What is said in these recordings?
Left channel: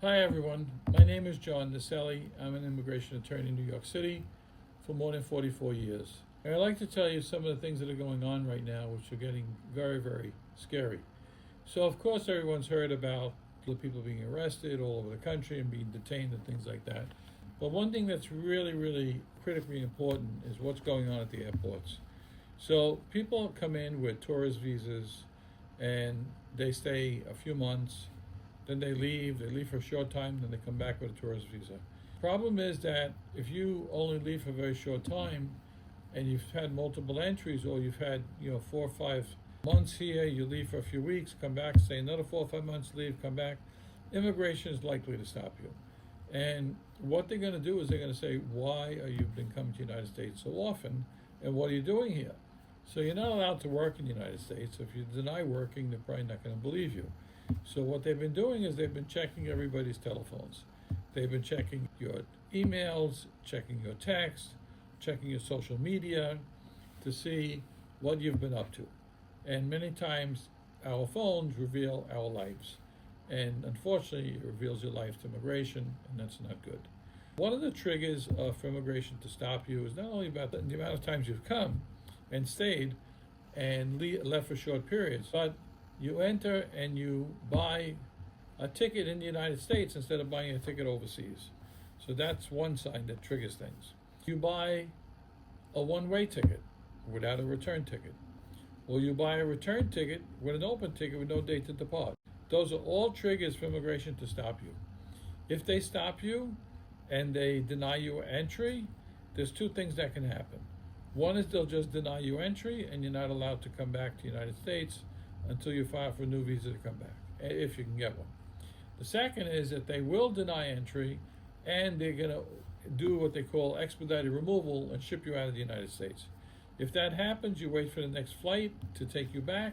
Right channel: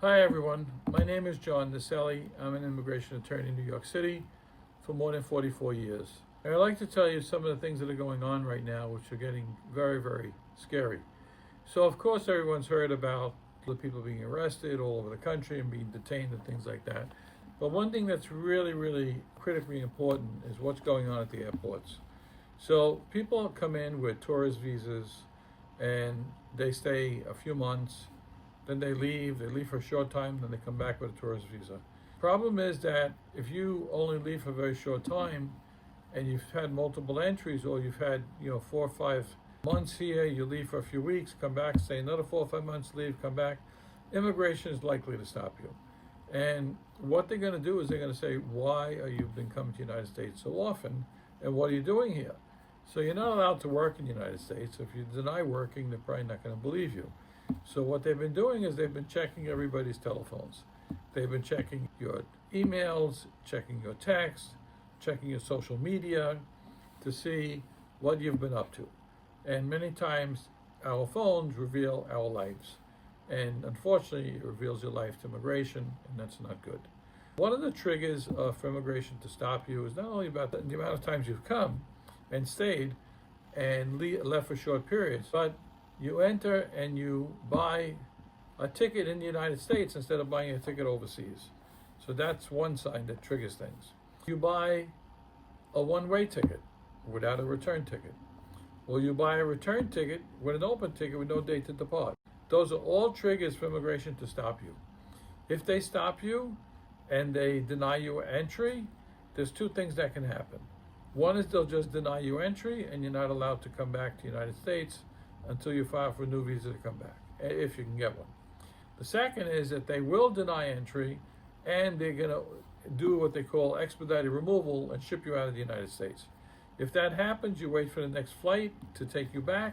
Hi everyone, my name is John Naselli. I'm an immigration attorney in New York City for more than 44 years. And I'd like to tell you some of the things that are going on right now, which are getting very, very scary. So of course everyone's heard about the people being arrested all over the country and being detained and things like that. But one thing that's really, really critically important is what's going on at the airports. So people come in with tourist visas and they stay a few months, then they leave for a short time, then they come back with a tourist visa. Problem is that if you only leave for a very short time and you've had multiple entries, or you've had 4 or 5 months here, you leave for a few weeks, come back, stay another 4 or 5 months, leave, come back, immigration is likely to stop you. And what they're going to do is they're going to say, why are you been coming to the United States so often, and what are you doing here? So you're not allowed to work in the United States. If you deny working, they're probably not going to believe you. So what they've been doing is they've been checking everybody's telephones. They've been checking your emails, checking your texts, checking your social media to see what you've been up to. And many times our phones reveal our lives. And unfortunately, it reveals your life to immigration, and that's not good. One of the triggers for immigration to stop you is not only about the amount of times you've come and stayed and left for short periods, but you enter and you buy a ticket in the United States instead of buying a ticket overseas. So that's one sign that triggers things. You buy a one-way ticket without a return ticket. Or you buy a return ticket with an open ticket with no date to depart. Those are all triggers for immigration to stop you. If they stop you and they deny you entry, there's two things that can happen. One is they'll just deny you entry and you're not allowed to come back to the United States until you file for a new visa to come back, if you can get one. The second is that they will deny entry and they're going to do what they call expedited removal and ship you out of the United States. If that happens, you wait for the next flight to take you back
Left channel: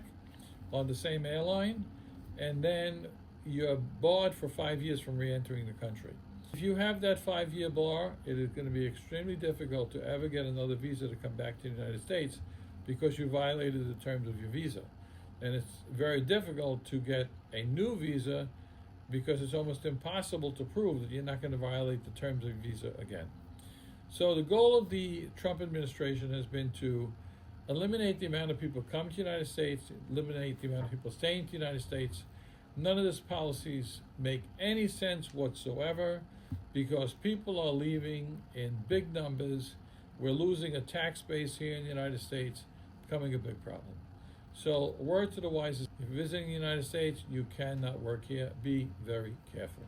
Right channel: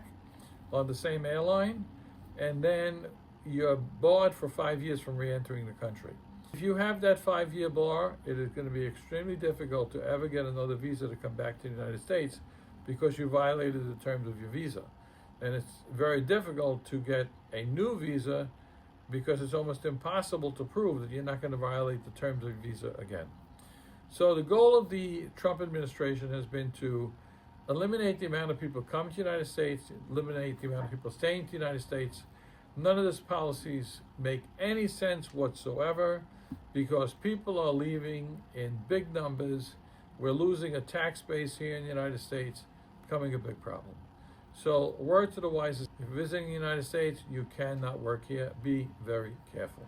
on the same airline, and then you're barred for 5 years from re-entering the country. If you have that 5-year bar, it is going to be extremely difficult to ever get another visa to come back to the United States because you violated the terms of your visa. And it's very difficult to get a new visa because it's almost impossible to prove that you're not going to violate the terms of your visa again. So the goal of the Trump administration has been to eliminate the amount of people come to the United States, eliminate the amount of people staying in the United States. None of these policies make any sense whatsoever because people are leaving in big numbers. We're losing a tax base here in the United States, becoming a big problem. So word to the wise is, if you're visiting the United States, you cannot work here. Be very careful.